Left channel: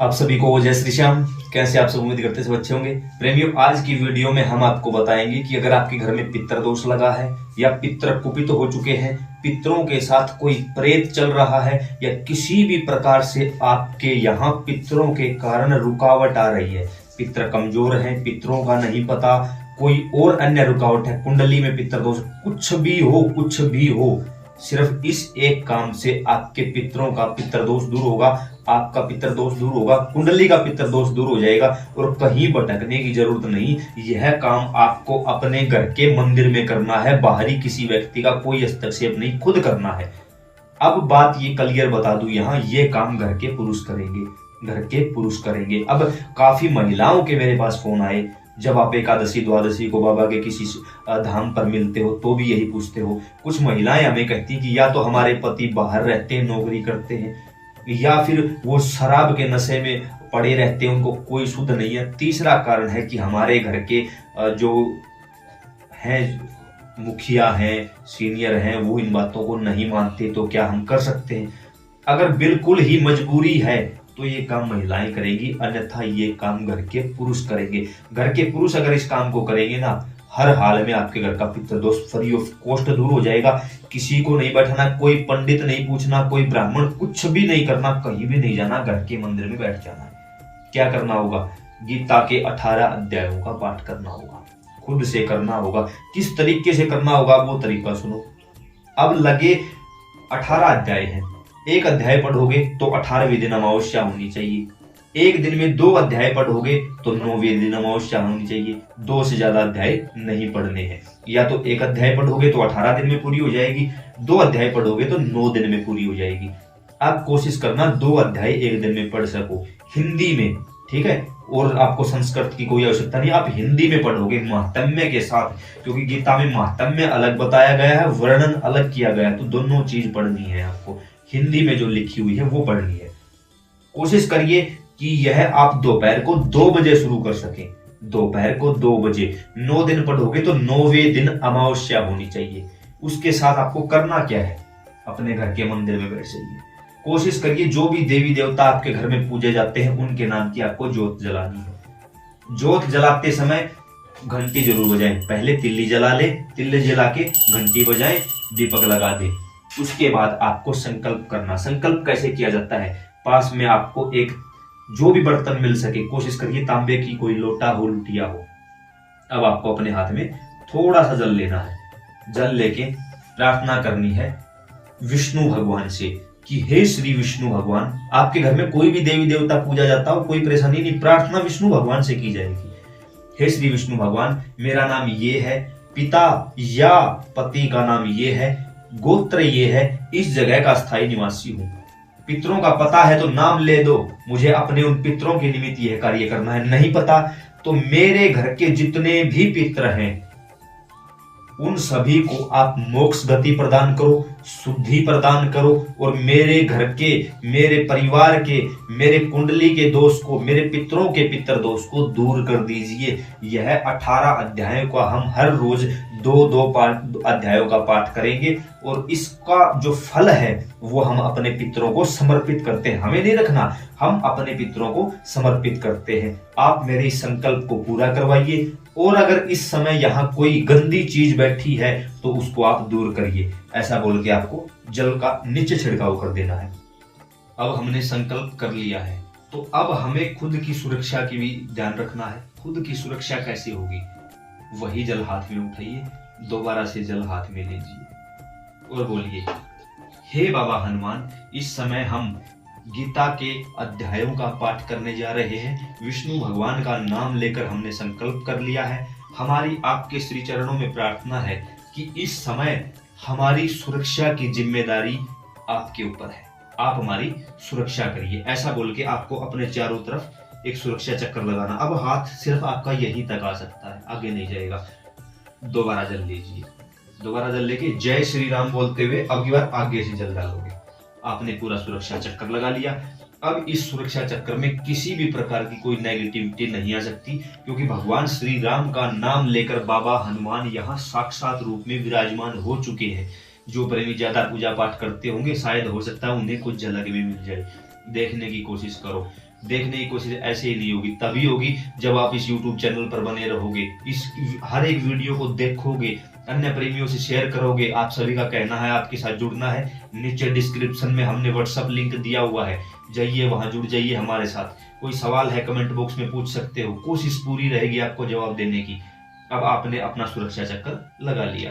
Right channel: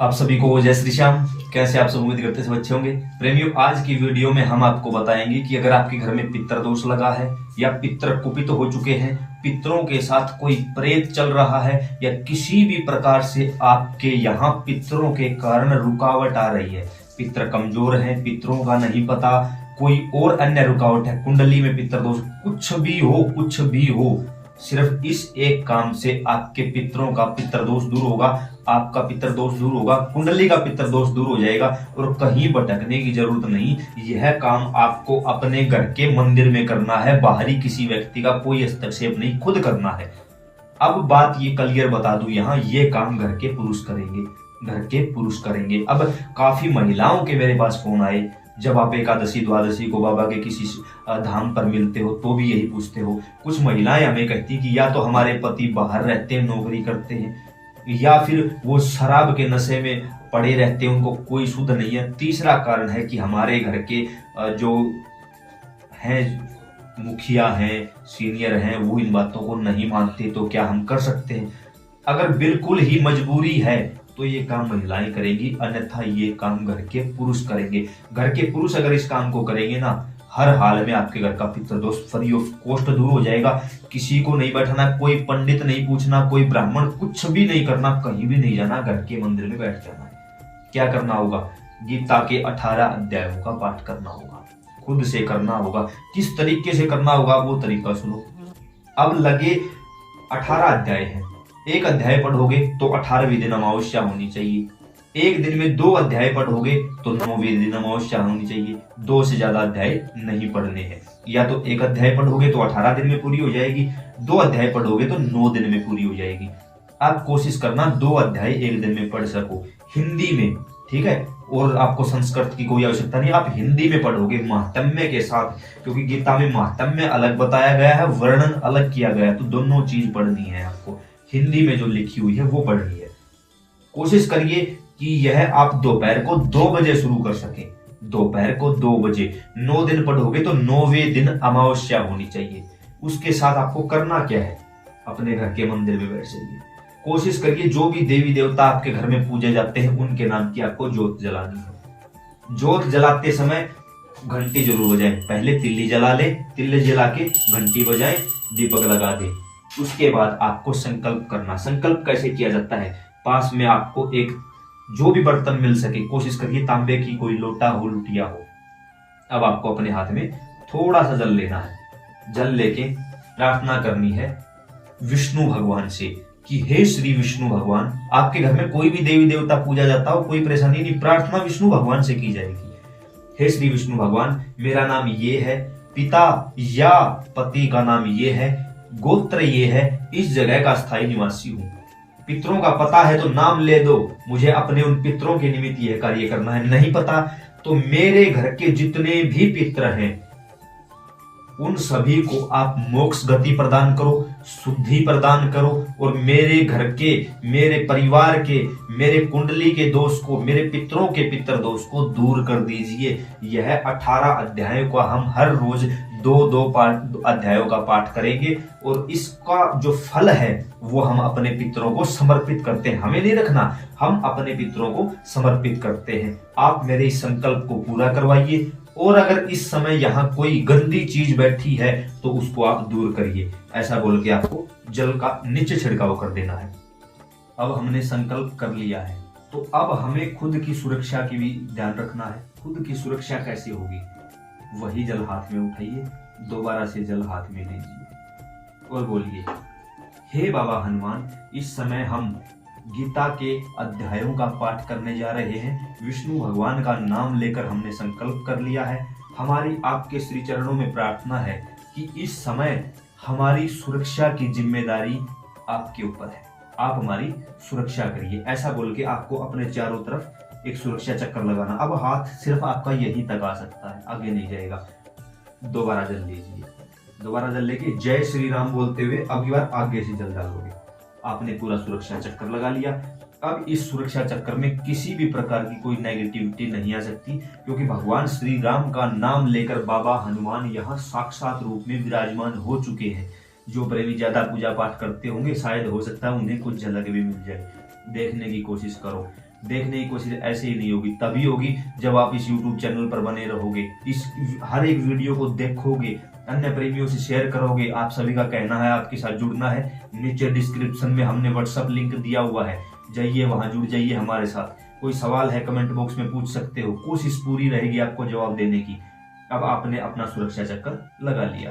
आप सभी को जय श्री श्याम। कैसे आप सब, उम्मीद करते सब अच्छे होंगे। प्रेमियों, आज की वीडियो में हम आपको बताएंगे कि अगर आपके घर में पितर दोष लगा है या पितर कुपित हो चुके हैं, पितरों के साथ कोई प्रेत चल रहा है या किसी भी प्रकार से आपके यहाँ पितरों के कारण रुकावट आ रही है, पितर कमजोर हैं, पितरों का नहीं पता, कोई और अन्य रुकावट है, कुंडली में पितर दोष, कुछ भी हो, सिर्फ इस एक काम से आपके पितरों का पितर दोष दूर होगा, आपका पितर दोष दूर होगा, कुंडली का पितर दोष दूर हो जाएगा और कहीं भटकने की जरूरत नहीं। यह काम आपको अपने घर के मंदिर में करना है, बाहरी किसी व्यक्ति का कोई हस्तक्षेप नहीं, खुद करना है। अब बात ये क्लियर बता दूं, यहाँ ये काम घर के पुरुष करेंगे। अब काफी महिलाओं के मेरे पास फोन आए, जब आप एकादशी द्वादशी को बाबा के किसी धाम पर मिलते हो तो भी यही पूछते हो। कुछ महिलाएं हमें कहती कि या तो हमारे पति बाहर रहते हैं, नौकरी करते हैं, या फिर वो शराब के नशे में पड़े रहते हैं, उनको कोई शुद्ध नहीं है। तीसरा कारण है कि हमारे घर के जो हैं मुखिया हैं, सीनियर हैं, वो इन बातों को नहीं मानते, तो क्या हम कर सकते हैं? अगर बिल्कुल ही मजबूरी है तो ये काम महिलाएं करेगी, अन्यथा ये काम घर के पुरुष करेंगे। घर के पुरुष अगर इस काम को करेंगे ना, हर हाल में आपके घर का पितृ दोष फ्री ऑफ कॉस्ट दूर हो जाएगा। किसी को नहीं बैठाना, कोई पंडित नहीं पूछना, कोई ब्राह्मण, कुछ भी नहीं करना, कहीं भी नहीं जाना, घर के मंदिर में बैठ जाना है। क्या करना होगा? गीता के 18 अध्यायों का पाठ करना होगा, खुद से करना होगा। किस तरीके से करना होगा वो तरीका सुनो। अब लगे 18 अध्याय हैं, एक अध्याय पढ़ोगे तो 18वें दिन अमावस्या होनी चाहिए, एक दिन में 2 अध्याय पढ़ोगे तो 9वें दिन अमावस्या होनी चाहिए। 2 से ज्यादा अध्याय नहीं पढ़ने हैं। या तो एक अध्याय पढ़ोगे तो 18 दिन में पूरी हो जाएगी, 2 अध्याय पढ़ोगे तो 9 दिन में पूरी हो जाएगी। आप कोशिश करना 2 अध्याय एक दिन में पढ़ सको, हिंदी में, ठीक है? और आपको संस्कृत की कोई आवश्यकता नहीं, आप हिंदी में पढ़ोगे महात्म्य के साथ, क्योंकि गीता में महात्म्य अलग बताया गया है, वर्णन अलग किया गया है, तो दोनों चीज पढ़नी है आपको। हिंदी में जो लिखी हुई है वो पढ़नी है। कोशिश करिए कि यह आप दोपहर को 2 बजे शुरू कर सके, दोपहर को 2 बजे। 9 दिन पढ़ोगे तो 9वें दिन अमावस्या होनी चाहिए। उसके साथ आपको करना क्या है? अपने घर के मंदिर में बैठ जाइए। कोशिश करिए जो भी देवी देवता आपके घर में पूजे जाते हैं उनके नाम की आपको ज्योत जलानी है। ज्योत जलाते समय घंटी जरूर बजाएं। पहले तिल्ली जला ले, तिल्ली जला के घंटी बजाएं, दीपक लगा दे। उसके बाद आपको संकल्प करना। संकल्प कैसे किया जाता है? पास में आपको एक जो भी बर्तन मिल सके, कोशिश करिए तांबे की कोई लोटा हो, लुटिया हो। अब आपको अपने हाथ में थोड़ा सा जल लेना है। जल लेके प्रार्थना करनी है विष्णु भगवान से कि हे श्री विष्णु भगवान, आपके घर में कोई भी देवी देवता पूजा जाता हो, कोई परेशानी नहीं, प्रार्थना विष्णु भगवान से की जाएगी। हे श्री विष्णु भगवान, मेरा नाम ये है, पिता या पति का नाम ये है, गोत्र ये है, इस जगह का स्थायी निवासी हूँ। पितरों का पता है तो नाम ले दो, मुझे अपने उन पितरों के निमित्त यह कार्य करना है। नहीं पता तो मेरे घर के जितने भी पितर हैं उन सभी को आप मोक्ष गति प्रदान करो, शुद्धि प्रदान करो, और मेरे घर के, मेरे परिवार के, मेरे कुंडली के दोष को, मेरे पितरों के पितर दोष को दूर कर दीजिए। यह 18 अध्यायों का हम हर रोज 2-2 अध्यायों का पाठ करेंगे और इसका जो फल है वो हम अपने पितरों को समर्पित करते हैं। हमें नहीं रखना, हम अपने पितरों को समर्पित करते हैं। आप मेरे इस संकल्प को पूरा करवाइए, और अगर इस समय यहाँ कोई गंदी चीज बैठी है तो उसको आप दूर करिए। ऐसा बोल के आपको जल का नीचे छिड़काव कर देना है। अब हमने संकल्प कर लिया है तो अब हमें खुद की सुरक्षा की भी ध्यान रखना है। खुद की सुरक्षा कैसे होगी? वही जल हाथ में उठाइए, दोबारा से जल हाथ में लीजिए और बोलिए, हे बाबा हनुमान, इस समय हम गीता के अध्यायों का पाठ करने जा रहे हैं। विष्णु भगवान का नाम लेकर हमने संकल्प कर लिया है। हमारी आपके श्री चरणों में प्रार्थना है कि इस समय हमारी सुरक्षा की जिम्मेदारी आपके ऊपर है, आप हमारी सुरक्षा करिए। ऐसा बोल के आपको अपने चारों तरफ एक सुरक्षा चक्कर लगाना। अब हाथ सिर्फ आपका यही तक आ सकता है, आगे नहीं जाएगा। दोबारा जल लीजिए, दोबारा जल लेके जय श्री राम बोलते हुए अब की बार आगे से जल डालोगे। आपने पूरा सुरक्षा चक्कर लगा लिया। अब इस सुरक्षा चक्कर में किसी भी प्रकार की कोई नेगेटिविटी नहीं आ सकती, क्योंकि भगवान श्री राम का नाम लेकर बाबा हनुमान यहाँ साक्षात रूप में विराजमान हो चुके हैं। जो प्रेमी ज्यादा पूजा पाठ करते होंगे शायद हो सकता है उन्हें कुछ झलक भी मिल जाए। देखने की कोशिश करो। देखने की कोशिश ऐसे ही नहीं होगी, तभी होगी जब आप इस YouTube चैनल पर बने रहोगे, इस हर एक वीडियो को देखोगे, अन्य प्रेमियों से शेयर करोगे। आप सभी का कहना है आपके साथ जुड़ना है, नीचे डिस्क्रिप्शन में हमने व्हाट्सएप लिंक दिया हुआ है, जाइए वहां जुड़ जाइए हमारे साथ। कोई सवाल है कमेंट बॉक्स में पूछ सकते हो, कोशिश पूरी रहेगी आपको जवाब देने की। अब आपने अपना सुरक्षा चक्कर लगा लिया,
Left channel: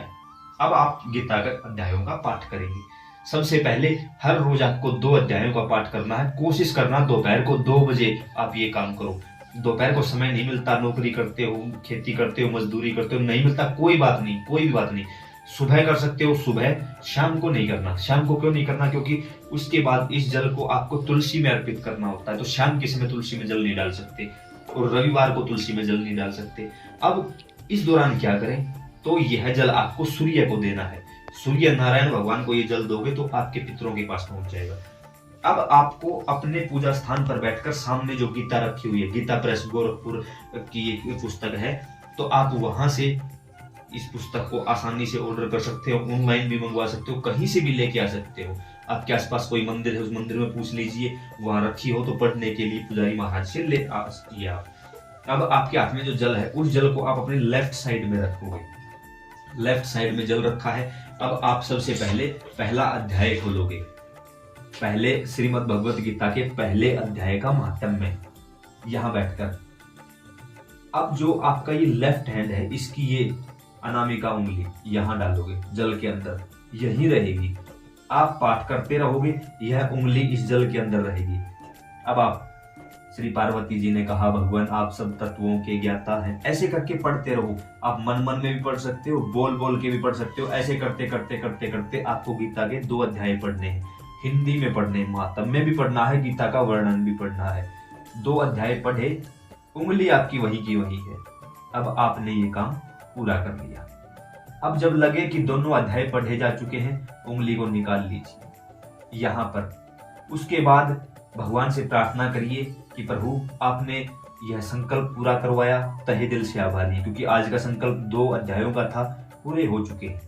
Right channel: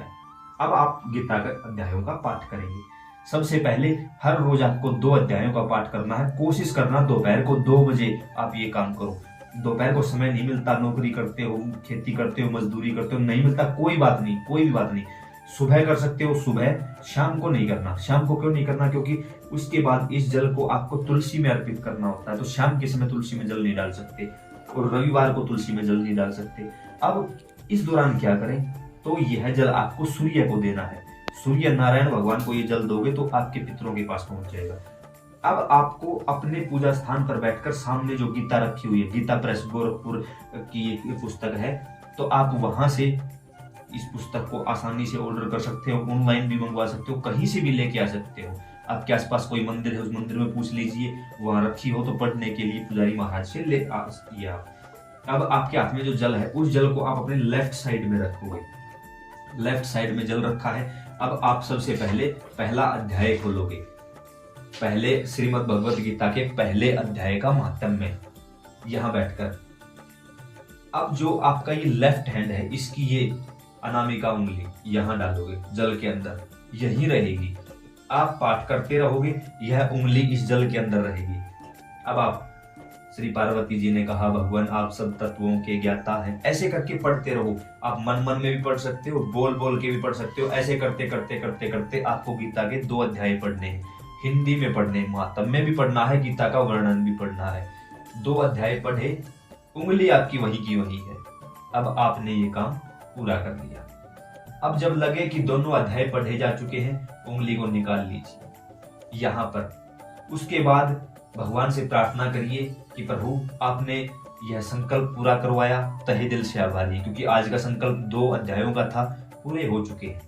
अब आप गीता के अध्यायों का पाठ करेंगे। सबसे पहले हर रोज आपको 2 अध्यायों का पाठ करना है। कोशिश करना दोपहर को 2 बजे आप ये काम करो। दोपहर को समय नहीं मिलता, नौकरी करते हो, खेती करते हो, मजदूरी करते हो, नहीं मिलता, कोई बात नहीं, कोई भी बात नहीं। सुबह कर सकते हो, सुबह, शाम को नहीं करना। शाम को क्यों नहीं करना? क्योंकि उसके बाद इस जल को आपको तुलसी में अर्पित करना होता है, तो शाम के समय तुलसी में जल नहीं डाल सकते, और रविवार को तुलसी में जल नहीं डाल सकते। अब इस दौरान क्या करें? तो यह जल आपको सूर्य को देना है। सूर्य नारायण भगवान को ये जल दोगे तो आपके पितरों के पास पहुंच जाएगा। अब आपको अपने पूजा स्थान पर बैठकर सामने जो गीता रखी हुई है, गीता प्रेस गोरखपुर की एक पुस्तक है, तो आप वहां से इस पुस्तक को आसानी से ऑर्डर कर सकते हो, ऑनलाइन भी मंगवा सकते हो, कहीं से भी लेके आ सकते हो। आपके आसपास कोई मंदिर है, उस मंदिर में पूछ लीजिए, वहां रखी हो तो पढ़ने के लिए पुजारी महाराज से ले आ सकती है। अब आपके हाथ में जो जल है, उस जल को आप अपनी लेफ्ट साइड में रखोगे। लेफ्ट साइड में जल रखा है। अब आप सबसे पहले पहला अध्याय खोलोगे, पहले श्रीमद् भगवत गीता के पहले अध्याय का महात्म्य यहां बैठकर। अब जो आपका ये लेफ्ट हैंड है, इसकी ये अनामिका उंगली यहां डालोगे जल के अंदर, यही रहेगी। आप पाठ करते रहोगे, यह उंगली इस जल के अंदर रहेगी। अब आप, श्री पार्वती जी ने कहा भगवान आप सब तत्वों के ज्ञाता हैं, ऐसे करके पढ़ते रहो। आप मन मन में भी पढ़ सकते हो, बोल बोल के भी पढ़ सकते हो। ऐसे करते करते करते करते आपको गीता के 2 अध्याय पढ़ने हैं, हिंदी में पढ़ने हैं, महात्म्य भी पढ़ना है, गीता का वर्णन भी पढ़ना है। 2 अध्याय पढ़े, उंगली आपकी वही की वही है। अब आपने ये काम पूरा कर लिया। अब जब लगे कि दोनों अध्याय पढ़े जा चुके हैं, उंगली को निकाल लीजिए यहाँ पर। उसके बाद भगवान से प्रार्थना करिए कि प्रभु आपने यह संकल्प पूरा करवाया, तहे दिल से आभारी, क्योंकि आज का संकल्प 2 अध्यायों का था, पूरे हो चुके हैं,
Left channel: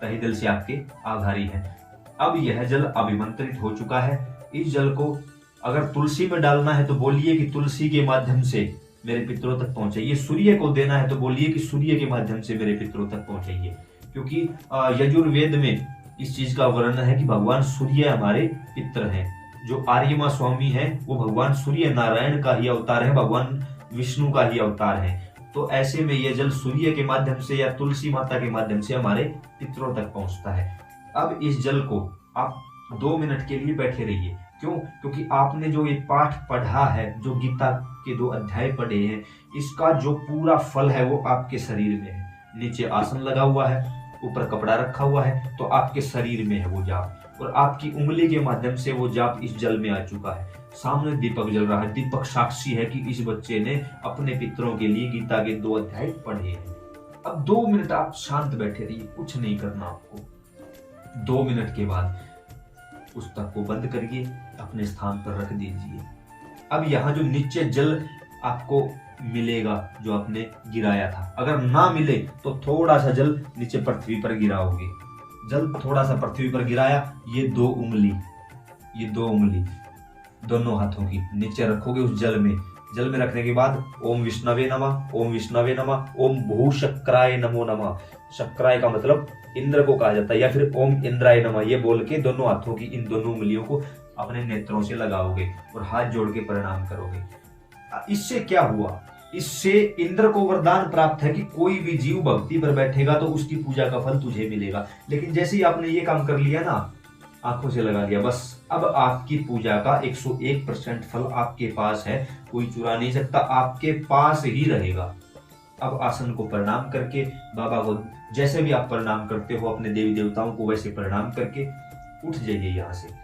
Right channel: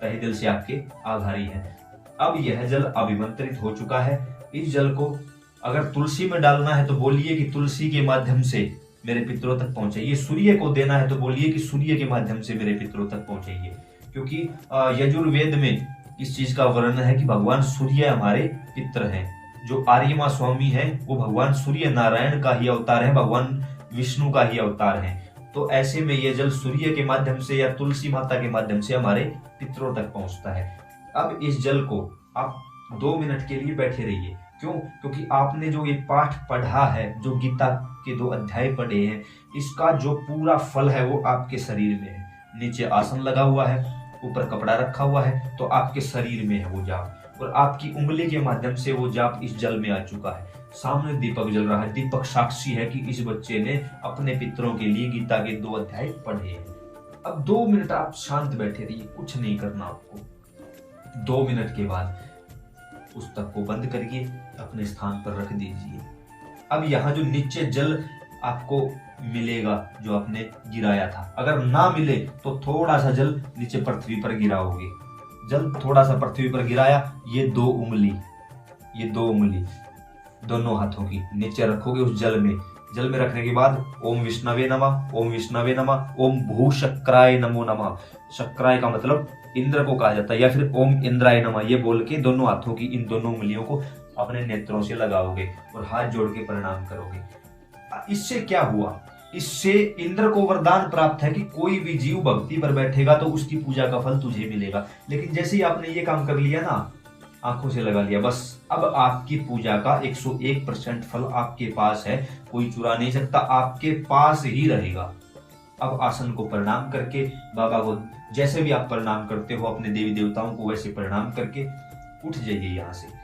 तहे दिल से आपके आभारी हैं। अब यह जल अभिमंत्रित हो चुका है। इस जल को अगर तुलसी में डालना है तो बोलिए कि तुलसी के माध्यम से मेरे पितरों तक पहुंचाइए। सूर्य को देना है तो बोलिए कि सूर्य के माध्यम से मेरे पितरों तक पहुंचाइए, क्योंकि यजुर्वेद में इस चीज का वर्णन है कि भगवान सूर्य हमारे पितर हैं। जो आर्यमा स्वामी है वो भगवान सूर्य नारायण का ही अवतार है, भगवान विष्णु का ही अवतार है। तो ऐसे में यह जल सूर्य के माध्यम से या तुलसी माता के माध्यम से हमारे पितरों तक पहुंचता है। अब इस जल को आप 2 मिनट के लिए बैठे रहिए। क्यों? क्योंकि आपने जो ये पाठ पढ़ा है, जो गीता के 2 अध्याय पढ़े हैं, इसका जो पूरा फल है वो आपके शरीर में है। नीचे आसन लगा हुआ है, ऊपर कपड़ा रखा हुआ है, तो आपके शरीर में है वो जाप, और आपकी उंगली के माध्यम से वो जाप इस जल में आ चुका है। सामने दीपक जल रहा है, दीपक साक्षी है कि इस बच्चे ने अपने पितरों के लिए गीता के 2 अध्याय पढ़े हैं। अब 2 मिनट आप शांत बैठे रहिए, कुछ नहीं करना आपको। 2 मिनट के बाद पुस्तक को बंद करिए, अपने स्थान पर रख दीजिए। अब यहाँ जो नीचे जल आपको मिलेगा जो आपने गिराया था, अगर ना मिले तो थोड़ा सा जल नीचे पृथ्वी पर गिराओगे। जल थोड़ा सा पृथ्वी पर गिराया, ये 2 उंगली दोनों हाथों की नीचे रखोगे उस जल में। जल में रखने के बाद ओम विष्णवे नमः, ओम विष्णवे नमः, ओम भू शक्राय नमो नमः। शक्राय का मतलब इंद्र को कहा जाता है, या फिर ओम इंद्राय नमः, ये बोल के दोनों हाथों की इन दोनों उंगलियों को अपने नेत्रों से लगाओगे और हाथ जोड़ के प्रणाम करोगे। इससे क्या हुआ? इससे इंद्र को वरदान प्राप्त है कि कोई भी जीव भक्ति पर बैठेगा तो उसकी पूजा का फल तुझे मिलेगा। लेकिन जैसे ही आपने ये काम कर लिया ना, आंखों से लगा लिया, बस अब आपकी पूजा का 101% फल आपके पास है, कोई चुरा नहीं सकता, आपके पास ही रहेगा। अब आसन को प्रणाम करके, बाबा को जैसे भी आप प्रणाम करते हो, अपने देवी देवताओं को वैसे प्रणाम करके उठ जाइए यहाँ से।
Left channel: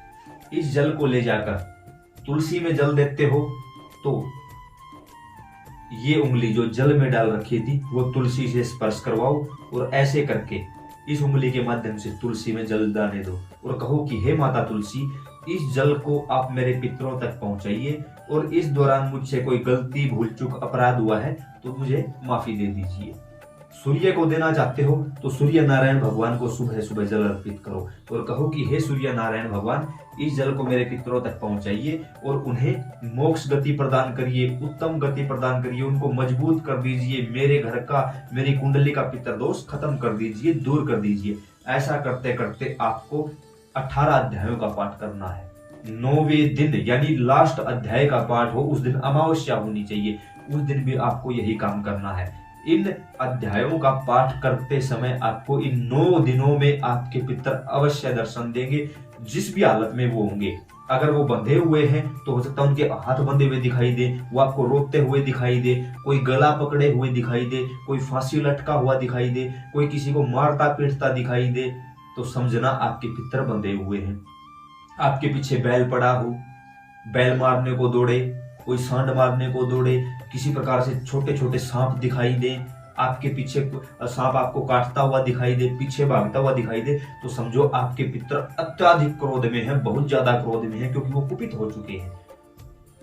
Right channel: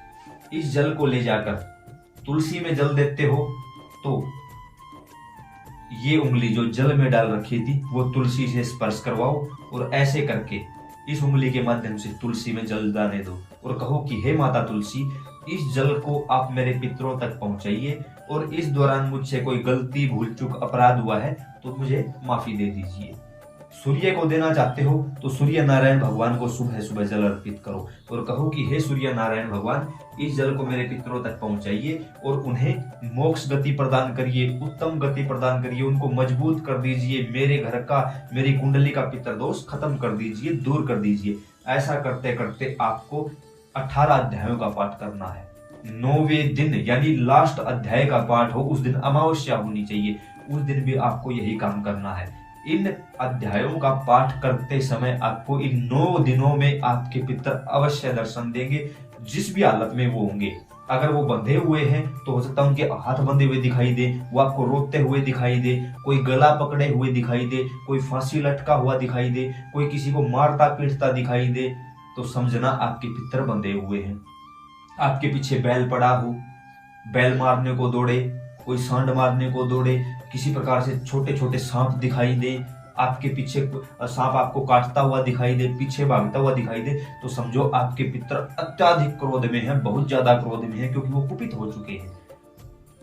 इस जल को ले जाकर तुलसी में जल देते हो तो ये उंगली जो जल में डाल रखी थी वो तुलसी से स्पर्श करवाओ, और ऐसे करके इस उंगली के माध्यम से तुलसी में जल डालने दो और कहो कि हे माता तुलसी, इस जल को आप मेरे पितरों तक पहुंचाइए, और इस दौरान मुझसे कोई गलती, भूल चूक, अपराध हुआ है तो मुझे माफी दे दीजिए। सूर्य को देना चाहते हो तो सूर्य नारायण भगवान को सुबह सुबह जल अर्पित करो और कहो कि हे सूर्य नारायण भगवान, इस जल को मेरे पितरों तक पहुंचाइए और उन्हें मोक्ष गति प्रदान करिए, उत्तम गति प्रदान करिए, उनको मजबूत कर दीजिए, मेरे घर का, मेरी कुंडली का पितर दोष खत्म कर दीजिए, दूर कर दीजिए। ऐसा करते करते आपको 18 अध्यायों का पाठ करना है। 9वें दिन यानी लास्ट अध्याय का पाठ हो, उस दिन अमावस्या होनी चाहिए, उस दिन भी आपको यही काम करना है। इन अध्यायों का पाठ करते समय आपको इन 9 दिनों में आपके पितर अवश्य दर्शन देंगे, जिस भी हालत में वो होंगे। अगर वो बंधे हुए हैं तो हो सकता है उनके हाथ बंधे हुए दिखाई दे, वो आपको रोते हुए दिखाई दे, कोई गला पकड़े हुए दिखाई दे, कोई फांसी लटका हुआ दिखाई दे, कोई किसी को मारता पीटता दिखाई दे, तो समझना आपके पितर बंधे हुए हैं। आपके पीछे बैल पड़ा हो, बैल मारने को दौड़े, कोई सांड मारने को दौड़े, किसी प्रकार से छोटे छोटे सांप दिखाई दे, आपके पीछे सांप आपको काटता हुआ दिखाई दे, पीछे भागता हुआ दिखाई दे, तो समझो आपके पितर अत्याधिक क्रोध में हैं, बहुत ज्यादा क्रोध में हैं, क्योंकि वो कुपित हो चुके हैं।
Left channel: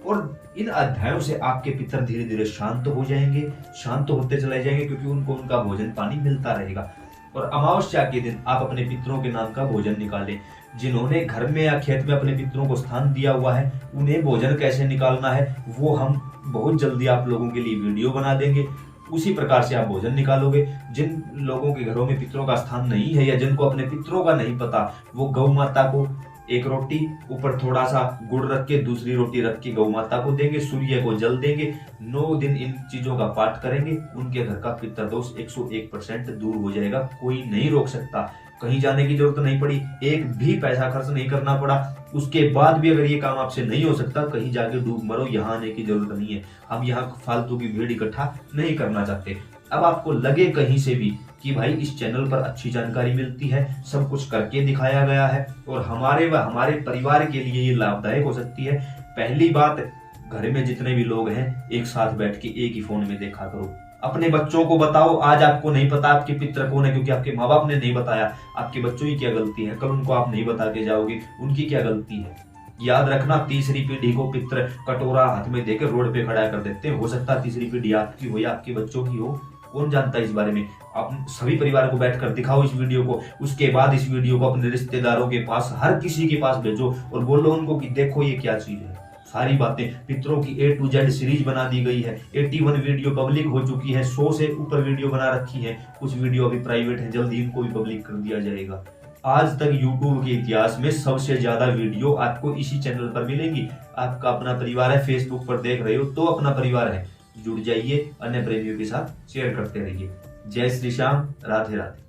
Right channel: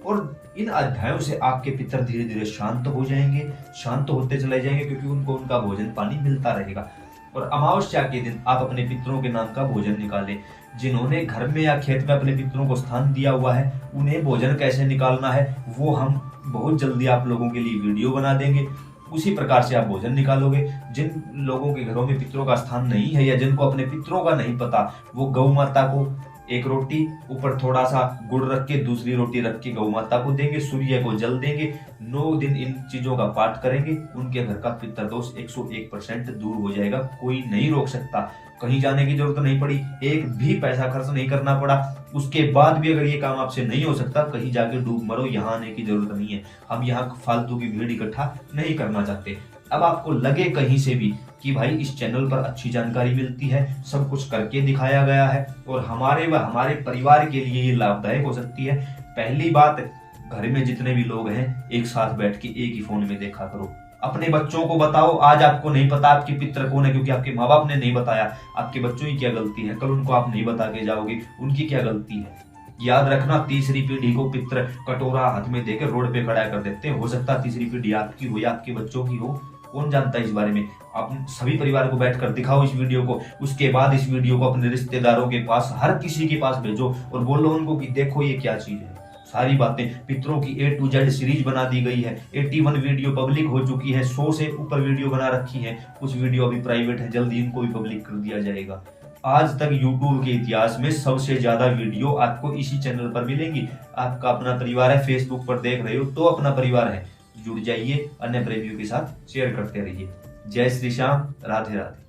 और इन अध्यायों से आपके पितर धीरे धीरे शांत हो जाएंगे, शांत होते चले जाएंगे, क्योंकि उनको उनका भोजन पानी मिलता रहेगा। और अमावस्या के दिन आप अपने पितरों के नाम का भोजन निकालें। जिन्होंने घर में या खेत में अपने पितरों को स्थान दिया हुआ है, उन्हें भोजन कैसे निकालना है वो हम बहुत जल्दी आप लोगों के लिए वीडियो बना देंगे। उसी प्रकार से आप भोजन निकालोगे। जिन लोगों के घरों में पितरों का स्थान नहीं है या जिनको अपने पितरों का नहीं पता, वो गौ माता को एक रोटी ऊपर थोड़ा सा गुड़ रख के, दूसरी रोटी रख के गौ माता को देंगे, सूर्य को जल देंगे। 9 दिन इन चीजों का पाठ करेंगे, उनके घर का पितर दोष 101% दूर हो जाएगा। कोई नहीं रोक सकता, कहीं जाने की जरूरत नहीं पड़ी, एक भी पैसा खर्च नहीं करना पड़ा। उसके बाद भी अगर ये काम आपसे नहीं हो सकता, कहीं जाके डूब मरो, यहाँ आने की जरूरत नहीं है। हम यहाँ फालतू की भीड़ इकट्ठा नहीं करना चाहते। अब आपको लगे कहीं से भी कि भाई इस चैनल पर अच्छी जानकारी मिलती है, सब कुछ करके दिखाया गया है और हमारे व हमारे परिवार के लिए ये लाभदायक हो सकती है, पहली बात, घर में जितने भी लोग हैं एक साथ बैठ के एक ही फोन में देखा करो। अपने बच्चों को बताओ। आज आपको नहीं पता आपके पितर कौन है, क्योंकि आपके माँ बाप ने नहीं बताया, आपके बच्चों की क्या गलती है, कल उनको आप नहीं बता के जाओगे, उनकी क्या गलती है। याद रखना, तीसरी पीढ़ी को पितर कटोरा हाथ में देकर रोड पे खड़ा कर देते हैं। हो सकता है तीसरी पीढ़ी आपकी हो या आपके बच्चों की हो, कौन जानता है इस बारे में। आप सभी परिवार को बैठकर दिखाओ इस वीडियो को, उसके बाद इस वीडियो को अपने रिश्तेदारों के पास, हर किसी के पास भेजो और बोलो उनको कि देखो ये क्या चीज है। सारी बातें पितरों की A to Z सीरीज बना दी गई है। 81 वीडियो पब्लिक हो चुकी है, 100 से ऊपर वीडियो बना रखी है, कुछ वीडियो अभी प्राइवेट है, जल्दी इनको भी पब्लिक कर दिया जाएगा। आज तक YouTube के इतिहास में सबसे ज्यादा वीडियो आपको इसी चैनल पर मिलेंगी। आपका अपना परिवार है, फेसबुक पर देख रहे हो तो अपना परिवार है, जुड़ जाइए, अन्य प्रेमियों के साथ शेयर करते रहिए। जय श्री श्याम, राधे राधे।